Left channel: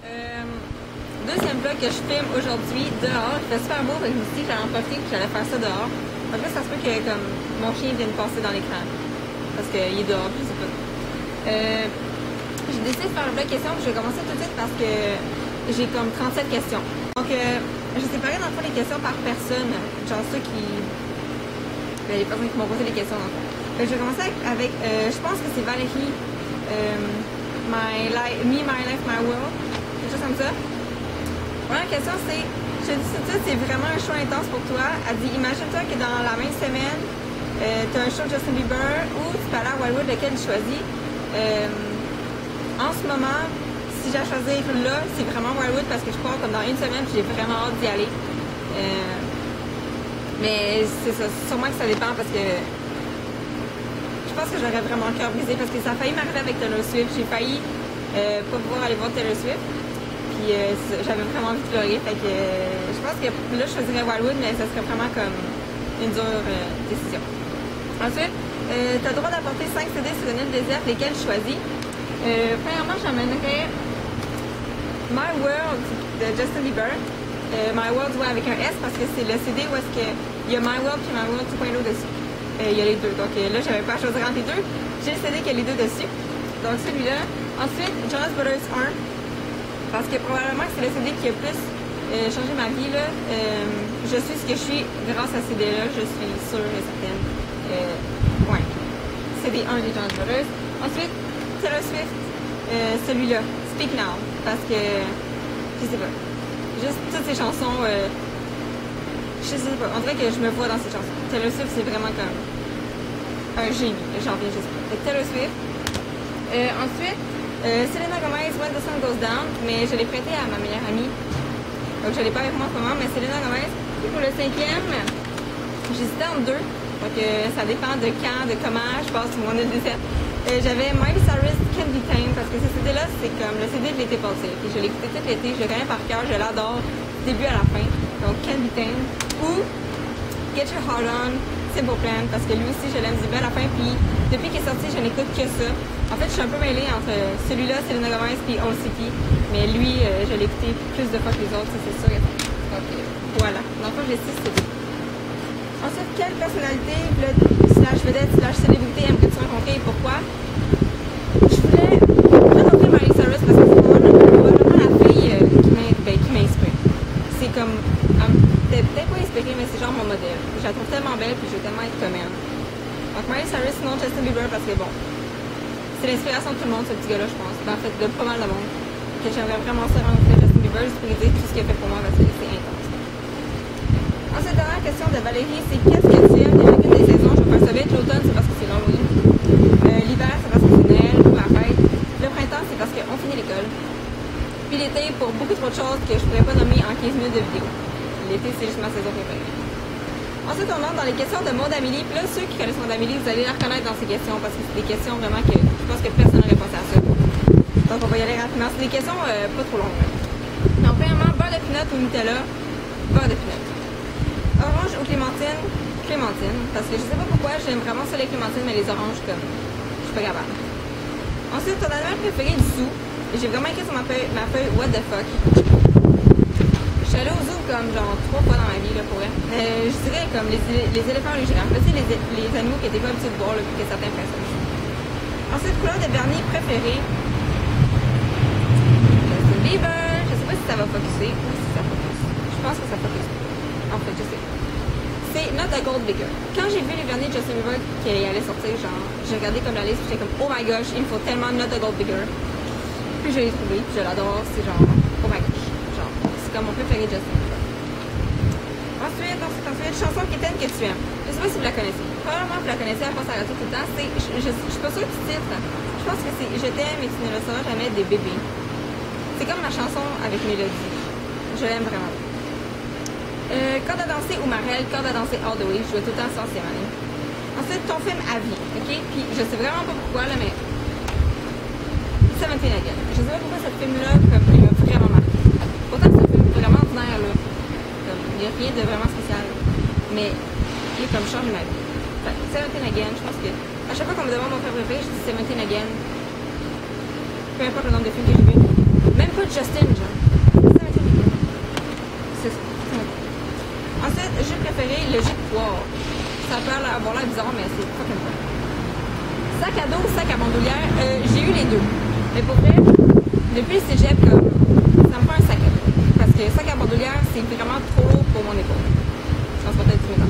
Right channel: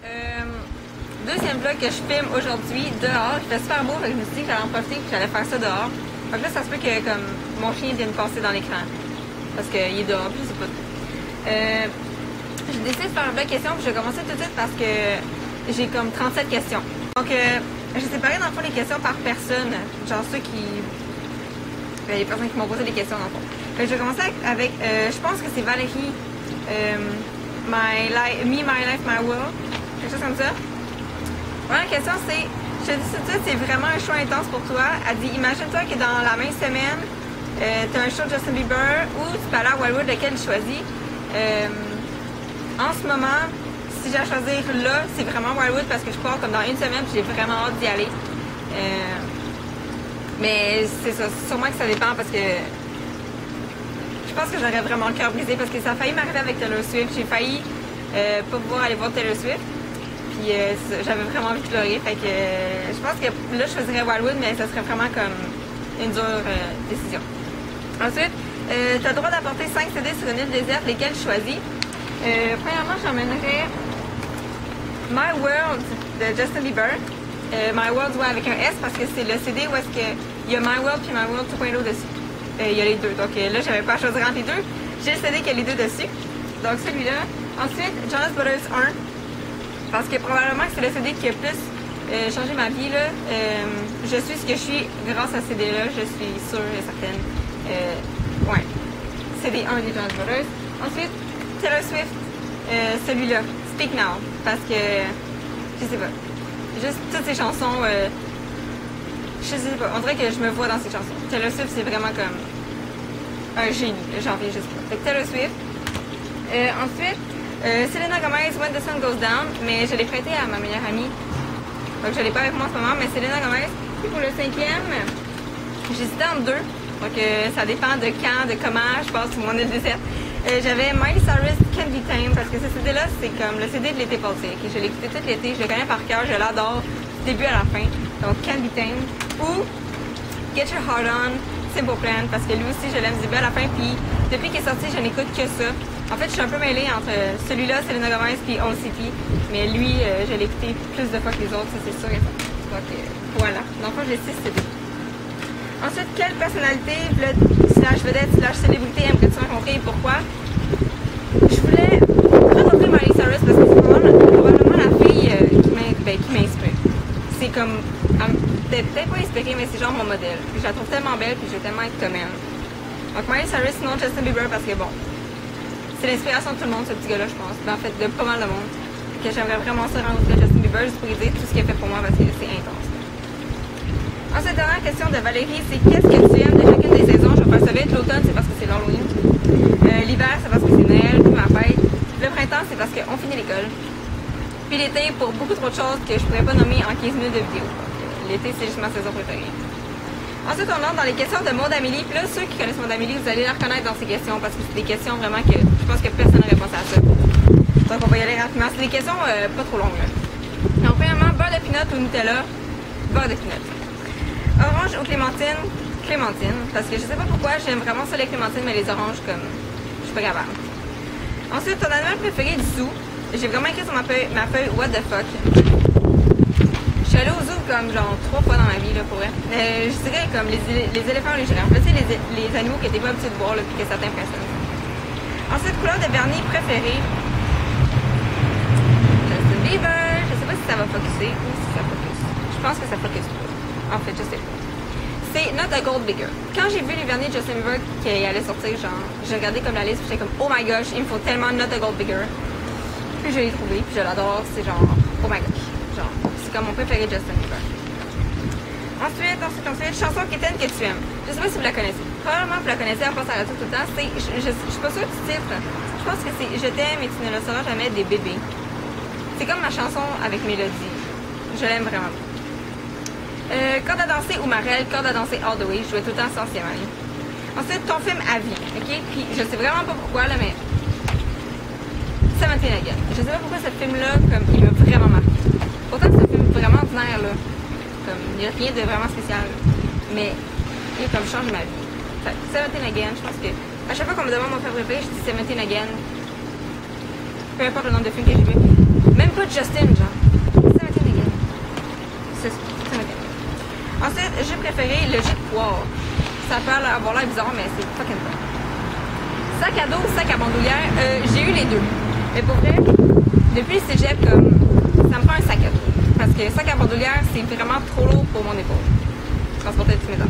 Deuxième vlog que je filme aujourd'hui dehors. Il fait super beau, fait que je me suis dit que j'allais en profiter et que j'allais faire ça dehors. Donc là, ça se peut que comme mon chien vienne passer dans l'écran. Parce qu'il est dehors, je sais pas. J'ai décidé de faire un vlog question puis je vais commencer tout de suite parce que j'ai comme 37 questions. Donc j'ai séparé dans le fond les questions par personne. Genre ceux qui... les personnes qui m'ont posé des questions dans le fond. Fait que je vais commencer avec je pense que c'est Valérie. Me, My Life, My World. Quelque chose comme ça. Première question, c'est, je te dis tout de suite, c'est vraiment un show intense pour toi. Elle dit, imagine-toi que dans la même semaine, tu as un show de Justin Bieber ou tu peux aller à Wildwood, lequel tu choisis. En ce moment, si j'ai à choisir là, c'est vraiment Wildwood parce que je pars comme dans une semaine et j'ai vraiment hâte d'y aller. Mais c'est ça, sûrement que ça dépend parce que je pense que j'aurais vraiment le cœur brisé parce que ça a failli m'arriver avec Taylor Swift. J'ai failli pas pouvoir aller voir Taylor Swift. Puis j'avais vraiment envie de pleurer. Fait que je pense que là, je choisirais Wildwood, mais ça serait vraiment comme une dure décision. Ensuite, tu as le droit d'apporter 5 CD sur une île déserte, lesquels tu choisis. Premièrement, j'emmènerais My World de Justin Bieber. My World, ouais, avec un S parce que c'est le CD où est-ce qu'il y a My World puis My World 2.0 dessus. Il y a les deux. Donc là, j'avais pas à choisir entre les deux. J'ai le CD qui a les deux dessus. Donc celui-là. Ensuite, Jonas Brothers 1. Parce que probablement que c'est le CD qui a plus changé ma vie. Là. Je suis ce que je suis grâce à ce CD-là. Je suis sûre et certaine. Ouais. CD 1 des Jonas Brothers. Ensuite, Taylor Swift. Celui-là. Speak Now. Parce que, je sais pas. Juste toutes ces chansons, je sais pas, on dirait que je me vois dans ces chansons. Taylor Swift, c'est vraiment comme un génie, j'en reviens juste pas. Fait que Taylor Swift. Ensuite, Selena Gomez, When the Sun Goes Down, mais je l'ai prêté à ma meilleure amie. Donc je l'ai pas avec moi en ce moment, mais Selena Gomez. Puis pour le cinquième, j'hésitais entre deux. Donc ça dépend de quand, de comment je passe sur mon île déserte. J'avais Miley Cyrus Can't Be Tamed parce que ce CD-là, c'est comme le CD de l'été passé. Okay? Je l'ai écouté tout l'été, je le connais par cœur, je l'adore du début à la fin. Donc Can't Be Tamed. Ou Get Your Heart On, Simple Plan, parce que lui aussi, je l'aime du début à la fin. Puis depuis qu'il est sorti, je n'écoute que ça. En fait, je suis un peu mêlée entre celui-là, Selena Gomez, puis Old City. Mais lui, je l'ai écouté plus de fois que les autres, ça c'est sûr. Donc voilà. Donc j'ai 6 CD. Ensuite, quelle personnalité, slash vedette, slash célébrité aimerais-tu rencontrer et pourquoi? Je voulais rencontrer Miley Cyrus parce que c'est probablement la fille qui m'inspire. C'est comme, peut-être pas inspirée, mais c'est genre mon modèle. Je la trouve tellement belle puis je veux tellement être comme elle. Donc Miley Cyrus, sinon Justin Bieber parce que bon, c'est l'inspiration de tout le monde, ce petit gars-là, je pense. Ben, en fait, de pas mal de monde. Que j'aimerais vraiment ça rencontrer Justin Bieber juste pour lui dire tout ce qu'il a fait pour moi parce que c'est intense. Ensuite, dernière question de Valérie, c'est qu'est-ce que tu aimes de chacune des saisons? Je vais faire ça vite. L'automne, c'est parce que c'est l'Halloween. L'hiver, c'est parce que c'est Noël, puis ma fête. Le printemps, c'est parce qu'on finit l'école. Puis l'été, pour beaucoup trop de choses que je pourrais pas nommer en 15 minutes de vidéo. L'été, c'est juste ma saison préférée. Ensuite, on entre dans les questions de Maud Amélie. Puis là, ceux qui connaissent Maud Amélie, vous allez la reconnaître dans ces questions parce que c'est des questions vraiment que je pense que personne n'aurait pensé à ça. Donc, on va y aller rapidement. C'est des questions pas trop longues. Là. Donc, premièrement, beurre de pinot ou Nutella? Beurre de pinot. Orange ou clémentine? Clémentine. Parce que je sais pas pourquoi, j'aime vraiment ça les clémentines, mais les oranges, comme, je suis pas capable. Ensuite, ton animal préféré du zoo. J'ai vraiment écrit sur ma feuille what the fuck. Je suis allée au zoo comme genre 3 fois dans ma vie, là, pour vrai. Je dirais comme les éléphants ou les girafes. Là, tu sais, les animaux que t'es pas habitué de voir, là, puis que ça t'impressionne. Ensuite, couleur de vernis préférée. Justin Bieber. Je sais pas si ça va focusser ou si ça focus. Je pense que ça focus pas. En fait, je sais pas. C'est Not a Gold Digger. Quand j'ai vu les vernis de Justin Bieber qui allaient sortir, genre, j'ai regardé comme la liste, puis j'étais comme, oh my gosh, il me faut tellement Not a Gold Digger. Puis je l'ai trouvé, puis je l'adore, c'est genre, oh my gosh. Genre, c'est comme mon préféré de Justin Bieber. Ensuite, chanson quétaine que tu aimes. Je sais pas si vous la connaissez. Probablement vous la connaissez à force à la tout le temps. C'est, je suis pas sûre du titre. Je pense que c'est Je t'aime et tu ne le sauras jamais des bébés. C'est comme ma chanson avec mélodie. Je l'aime vraiment. Corde à danser ou Marelle, corde à danser all the way. Je jouais tout le temps ça en 6e année. Ensuite, ton film à vie, ok? Puis je sais vraiment pas pourquoi, là, mais... 17 Again. Je sais pas pourquoi ce film-là, comme, il m'a vraiment marqué. Pourtant, c'est un film vraiment ordinaire, là. Comme, il n'y a rien de vraiment spécial. Mais, il a comme changé ma vie. Fait, 17 Again, je pense que... À chaque fois qu'on me demande mon film préféré, je dis 17 Again. Peu importe le nombre de films que j'ai vu. Même pas Justin, genre. Ça m'a été c'est ça. Ça m'a été. Ensuite, j'ai préféré le jus de poire. Ça peut avoir l'air bizarre, mais c'est fucking bon. Sac à dos, sac à bandoulière, j'ai eu les deux. Mais pour vrai, depuis le cégep, comme, ça me prend un sac à dos. Parce que sac à bandoulière, c'est vraiment trop lourd pour mon épaule. Transporter du métal.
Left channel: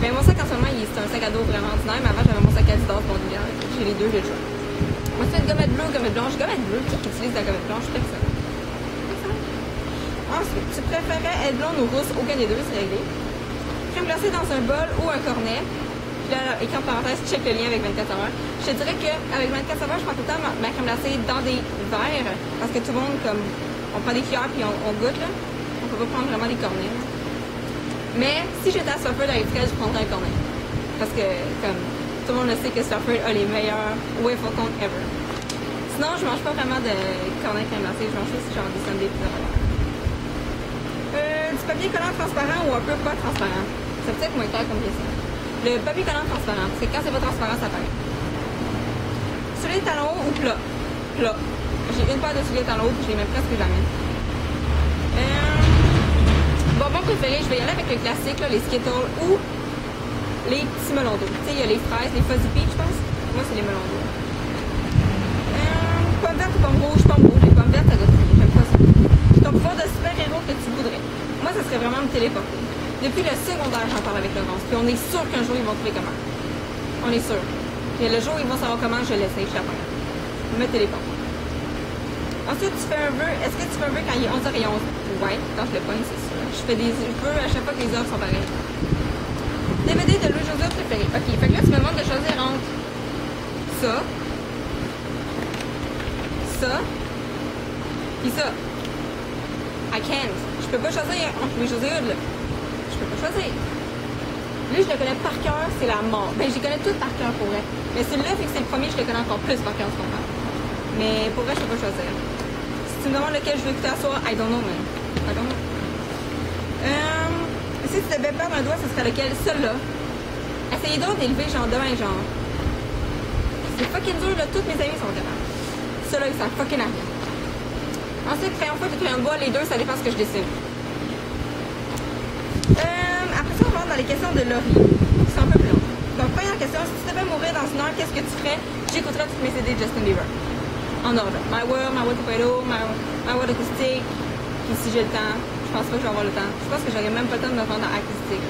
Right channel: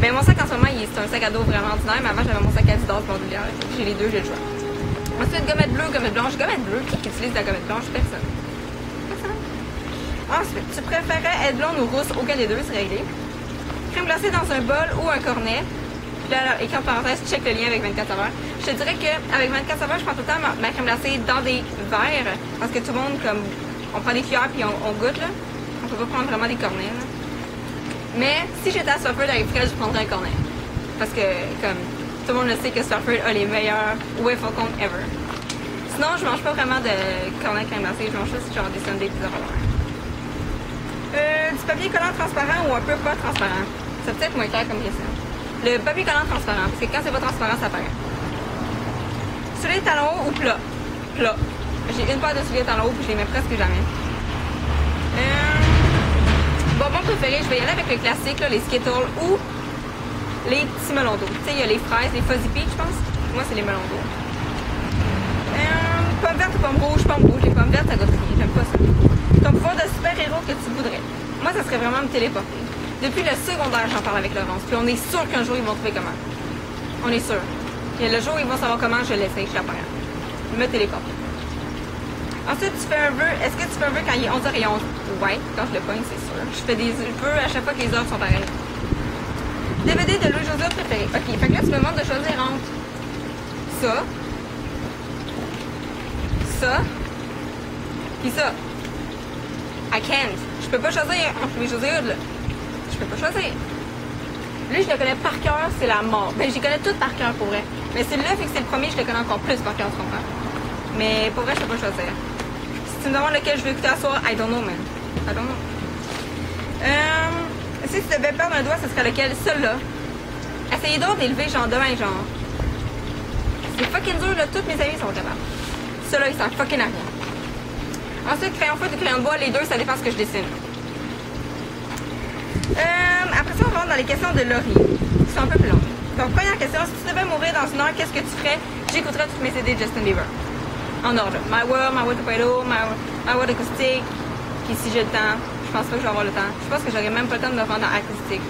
Mais mon sac en ce moment, c'est un sac à dos vraiment ordinaire, mais avant j'avais mon sac à Adidas bandoulière. J'ai les deux, j'ai le choix. Ensuite, gommette bleue, gommette blanche. Gommette bleue, qui utilise la gommette blanche? Personne. Personne. Ensuite, tu préférais être blonde ou rousse? Aucun des deux, c'est réglé. Crème glacée dans un bol ou un cornet. Puis là, écran de parenthèse, check le lien avec 24 saveurs. Je te dirais qu'avec 24 saveurs, je prends tout le temps ma crème glacée dans des verres. Parce que tout le monde, comme, on prend des cuillères puis on goûte, là. On peut pas prendre vraiment des cornets, là. Mais si j'étais à Swafford avec Fred, je prendrais un cornet. Parce que, comme, tout le monde le sait que Swafford a les meilleurs whey flocons ever. Sinon, je mange pas vraiment de cornet crème glacée. Je mange juste genre des sundaes pizza rollers. Du papier collant transparent ou un peu pas transparent? C'est peut-être moins clair comme question. Le papier collant transparent, parce que quand c'est pas transparent, ça apparaît. Souliers talons hauts ou plat? Plat. J'ai une paire de souliers talons hauts puis je les mets presque jamais. Bonbon préféré, je vais y aller avec le classique, là, les Skittles ou les petits melons d'eau. Tu sais, il y a les fraises, les Fuzzy Peach, je pense. Moi, c'est les melons d'eau. Pomme verte ou pomme rouge? Pomme rouge. Les pommes vertes, ça goûte rien. J'aime pas ça. Ton pouvoir de super-héros que tu voudrais? Moi, ça serait vraiment me téléporter. Depuis le secondaire, j'en parle avec Laurence. Puis on est sûr qu'un jour, ils vont trouver comment. On est sûr. Puis le jour où ils vont savoir comment, je l'essaye, je suis pas grave. Me téléporter. Ensuite, tu fais un vœu. Est-ce que tu fais un vœu quand il est 11h11? Ouais, quand je le pogne, c'est sûr. Je fais des vœux à chaque fois que les heures sont pareilles. DVD de Louis-José préféré. Ok, fait que là, tu me demandes de choisir entre ça, ça, puis ça. I can't. Je peux pas choisir entre Louis-José Hood, là. Je peux pas choisir. Lui, je le connais par cœur, c'est la mort. Ben, je les connais toutes par cœur pour vrai. Mais celui-là, fait que c'est le premier, je le connais encore plus par cœur, tu comprends? Mais pour vrai, je peux pas choisir. Si tu me demandes lequel je veux écouter à soir, I don't know, man. I don't know. Si tu devais perdre un doigt, ce serait lequel? Celui-là. Essayez donc d'élever, genre, demain, genre. C'est fucking dur, là. Toutes mes amis sont capables. Celui-là, il sert fucking à rien. Ensuite, crayon feuille ou crayon de bois, les deux, ça dépend ce que je dessine. Après ça, on va dans les questions de Laurie, qui sont un peu plus longues. Donc, première question, si tu devais mourir dans une heure, qu'est-ce que tu ferais? J'écouterais toutes mes CD de Justin Bieber. En ordre. My World Torpedo, My World Acoustic. Puis si j'ai le temps, je pense pas que je vais avoir le temps. Je pense que j'aurais même pas le temps de me rendre dans acoustique.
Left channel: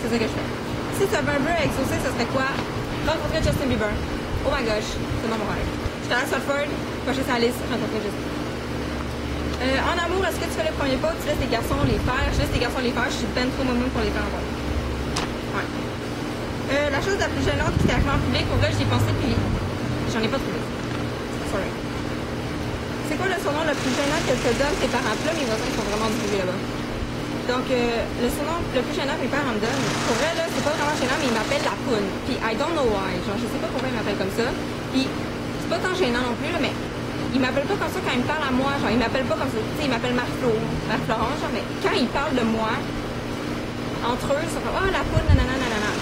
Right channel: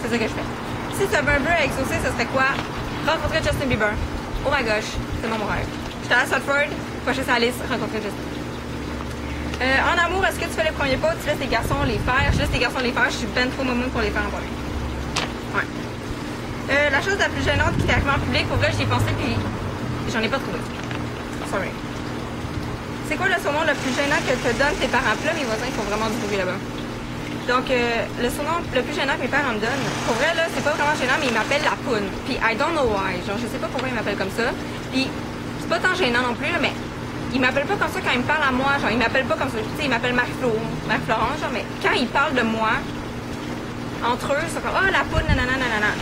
C'est ça que je fais. Si tu avais un vœu à exaucer, ce serait quoi? Rencontrer Justin Bieber. Oh my gosh, c'est mon rêve. J'étais à Stratford, prochain sur la liste, rencontrer Justin. En amour, est-ce que tu fais les premiers pas? Tu laisses les garçons les faire? Je laisse les garçons les faire, je suis ben trop moumou pour les faire en premier. Ouais. La chose la plus gênante qui t'est arrivée en public, pour vrai, j'y ai pensé puis j'en ai pas trouvé. Sorry. C'est quoi le surnom le plus gênant que te donnent tes parents? Puis là, mes voisins, ils font vraiment du bruit là-bas. Donc, le surnom le plus gênant que mes parents me donnent, pour vrai, là, c'est pas vraiment gênant, mais ils m'appellent la poune. Puis, I don't know why. Genre, je sais pas pourquoi ils m'appellent comme ça. Puis, c'est pas tant gênant non plus, là, mais ils m'appellent pas comme ça quand ils me parlent à moi. Genre, ils m'appellent pas comme ça. Tu sais, ils m'appellent Marie-Florence, genre, mais quand ils parlent de moi, entre eux, c'est comme, oh, la poune, nanana, nanana.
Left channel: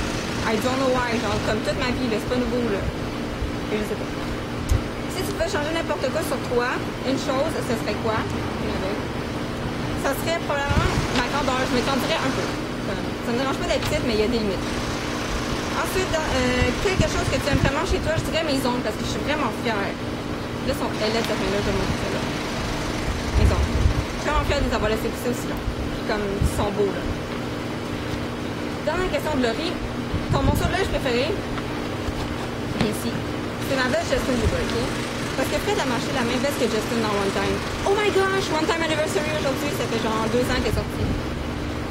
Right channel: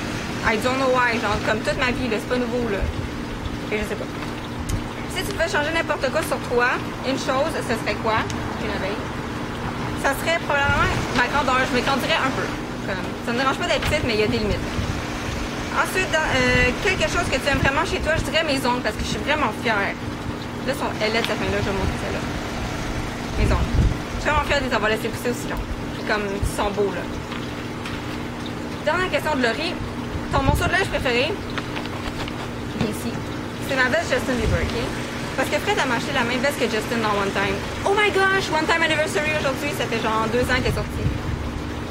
I don't know why. Genre, comme toute ma vie, là, c'est pas nouveau, là. Et je sais pas. Si tu pouvais changer n'importe quoi sur toi, une chose, ce serait quoi? Une abeille. Ça serait probablement ma grandeur. Je me grandirais un peu. Comme, ça me dérange pas d'être petite, mais il y a des limites. Ensuite, quelque chose que tu aimes vraiment chez toi, je dirais mes ongles, parce que je suis vraiment fière. Là, elle est cette fin-là, je vais montrer celle-là. Mes ongles. Je suis vraiment fière de les avoir laissés pousser aussi long. Puis comme, ils sont beaux, là. Dernière question de Laurie. Ton morceau de linge préféré? Ici. C'est ma veste Justin Bieber, ok? Parce que Fred a acheté la même veste que Justin dans One Time. Oh my gosh! One Time Anniversary aujourd'hui, ça fait genre 2 ans qu'elle est sortie.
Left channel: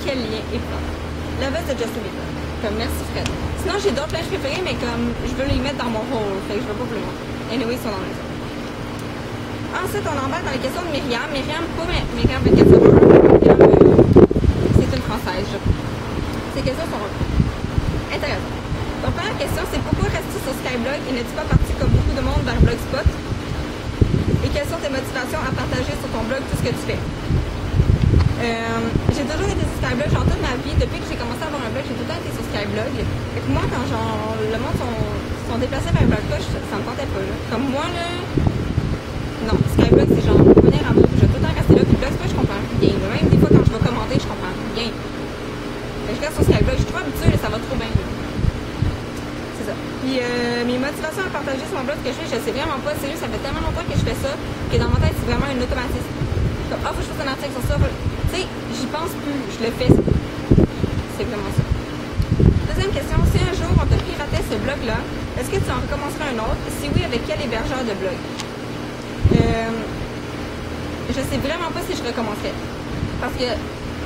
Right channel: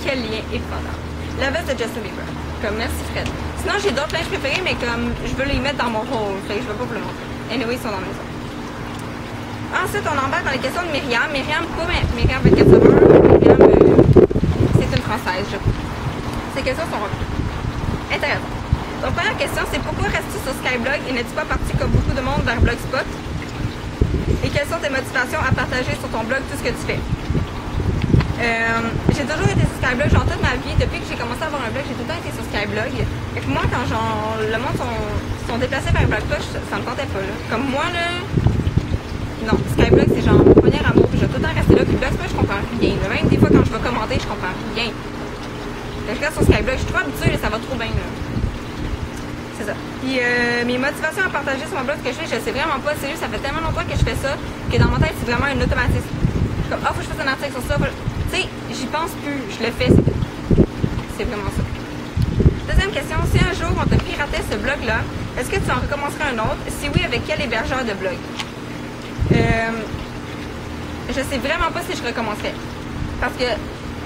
Quel lien épouvantable. La veste de Justin Bieber. Comme, merci Fred. Sinon, j'ai d'autres linges préférés, mais comme, je veux les mettre dans mon haul. Fait que je veux pas vous le montrer. Anyway, ils sont dans la maison. Ensuite, on embarque dans les questions de Myriam. Myriam, pas Myriam 24 saveurs. Myriam, c'est une Française, je crois. Ces questions sont intéressantes. Donc, première question, c'est pourquoi restes-tu sur Skyblog et n'es-tu pas parti comme beaucoup de monde vers Blogspot? Et quelles sont tes motivations à partager sur ton blog tout ce que tu fais? J'ai toujours été sur Skyblog, genre toute ma vie. Depuis que j'ai commencé à avoir un blog, j'ai tout le temps été sur Skyblog. Et que moi, quand genre, le monde sont déplacés vers Blogspot, ça me tentait pas. Là. Comme moi, là, non, Skyblog, c'est genre mon premier amour, puis je vais tout le temps rester là. Puis Blogspot, je comprends rien. Même des fois, quand je vais commenter, je comprends rien. Je regarde sur Skyblog, je suis trop habituée, là, ça va trop bien. Là. C'est ça. Puis mes motivations à partager sur mon blog, ce que je fais, je sais vraiment pas. Sérieux, ça fait tellement longtemps que je fais ça que dans ma tête, c'est vraiment un automatisme. Comme, faut que je fasse un article sur ça. Tu sais, j'y pense plus, je le fais. C'est vraiment ça. Deuxième question, si un jour on te piratait ce blog-là, est-ce que tu en recommencerais un autre? Si oui, avec quel hébergeur de blog? Je sais vraiment pas si je recommencerais. Parce que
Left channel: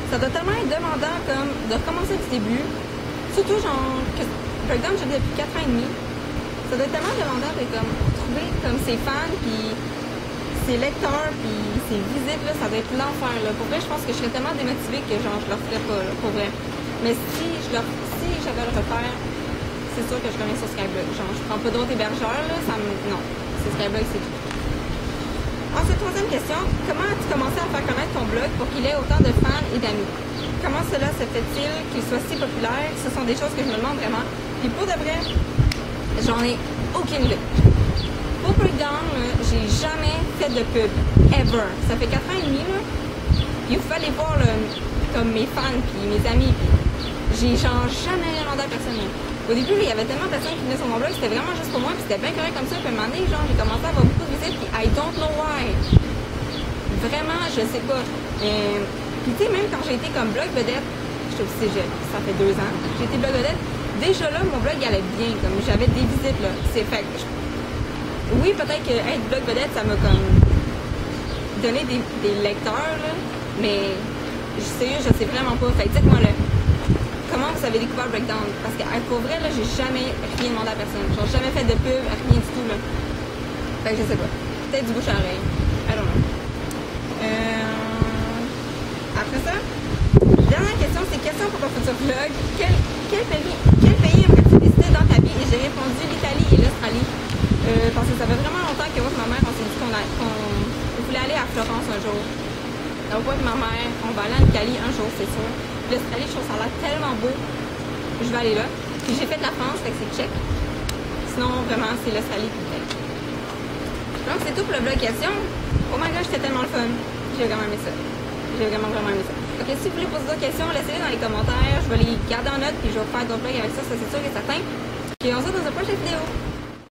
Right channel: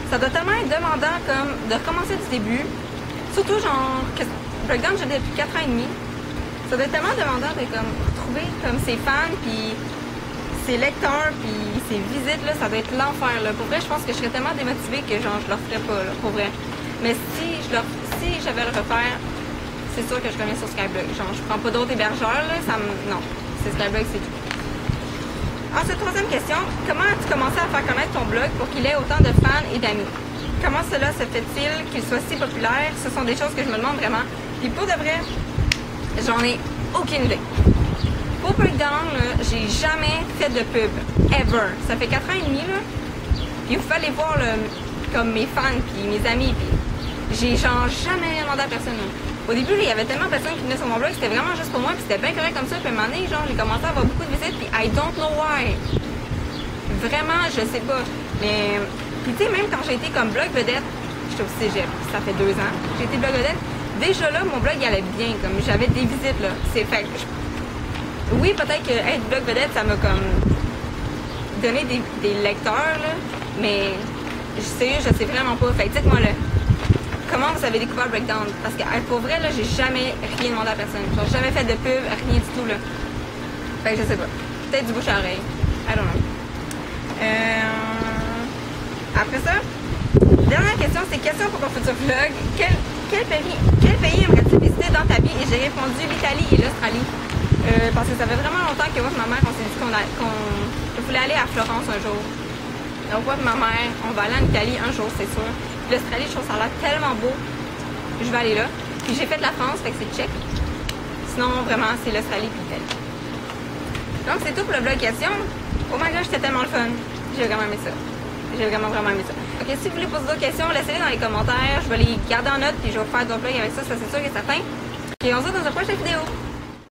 ça doit tellement être demandant comme de recommencer du début. Surtout genre que Breakdown, je l'ai depuis 4 ans et demi. Ça doit être tellement demandant de comme retrouver comme ses fans puis ses lecteurs puis ses visites là, ça doit être l'enfer là. Pour vrai, je pense que je serais tellement démotivée que genre je le referais pas là, pour vrai. Mais si j'avais à le refaire, c'est sûr que je reviens sur Skyblog. Genre je prends pas d'autres hébergeurs là, non, c'est Skyblog, c'est tout. Ensuite, troisième question, comment as-tu commencé à faire connaître ton blog pour qu'il ait autant de fans et d'amis? Comment cela se fait-il qu'il soit si populaire? Ce sont des choses que je me demande vraiment. Puis pour de vrai, j'en ai aucune idée. Pour Breakdown, j'ai jamais fait de pub. Ever. Ça fait 4 ans et demi, là. Puis il fallait voir là, comme mes fans puis mes amis. Puis j'ai genre jamais demandé à personne. Là. Au début, là, il y avait tellement de personnes qui venaient sur mon blog, c'était vraiment juste pour moi, puis c'était bien correct comme ça. Puis à un moment donné, genre, j'ai commencé à avoir beaucoup de visites, puis I don't know why. Vraiment, je sais pas. Mais, puis tu sais, même quand j'ai été comme blog vedette, j'étais au cégep, ça fait 2 ans, j'ai été blog vedette. Déjà là, mon blog, il allait bien, comme j'avais des visites, là. C'est fait que oui, peut-être que être blog vedette, ça m'a comme donné des lecteurs, là, mais sérieux, je sais vraiment pas. Fait que dites-moi là. Comment vous avez découvert Breakdown? Parce que pour vrai, là, j'ai jamais rien demandé à personne. Genre, jamais fait de pub, rien du tout, là. Fait que je sais pas. Peut-être du bouche à oreille. I don't know. Après ça, dernière question, c'est question pour ton futur vlog. Quel pays aimerais-tu visiter dans ta vie? Et j'ai répondu l'Italie et l'Australie. Parce que ça fait vraiment longtemps que moi et ma mère, on s'est dit qu'on voulait aller à Florence un jour. Donc moi et ma mère, on va aller en Italie un jour, c'est sûr. L'Australie, je trouve ça a l'air tellement beau. Je vais aller là. Puis j'ai fait la France, fait que c'est check. Sinon, vraiment, c'est l'Australie puis l'Italie. Donc, c'est tout pour le vlog question. Oh my god, c'était tellement le fun. J'ai vraiment aimé ça. J'ai vraiment aimé ça. Ok, si vous voulez poser d'autres questions, laissez-les dans les commentaires. Je vais les garder en note puis je vais vous faire d'autres vlogs avec ça, ça c'est sûr et certain. Et on se voit dans une prochaine vidéo.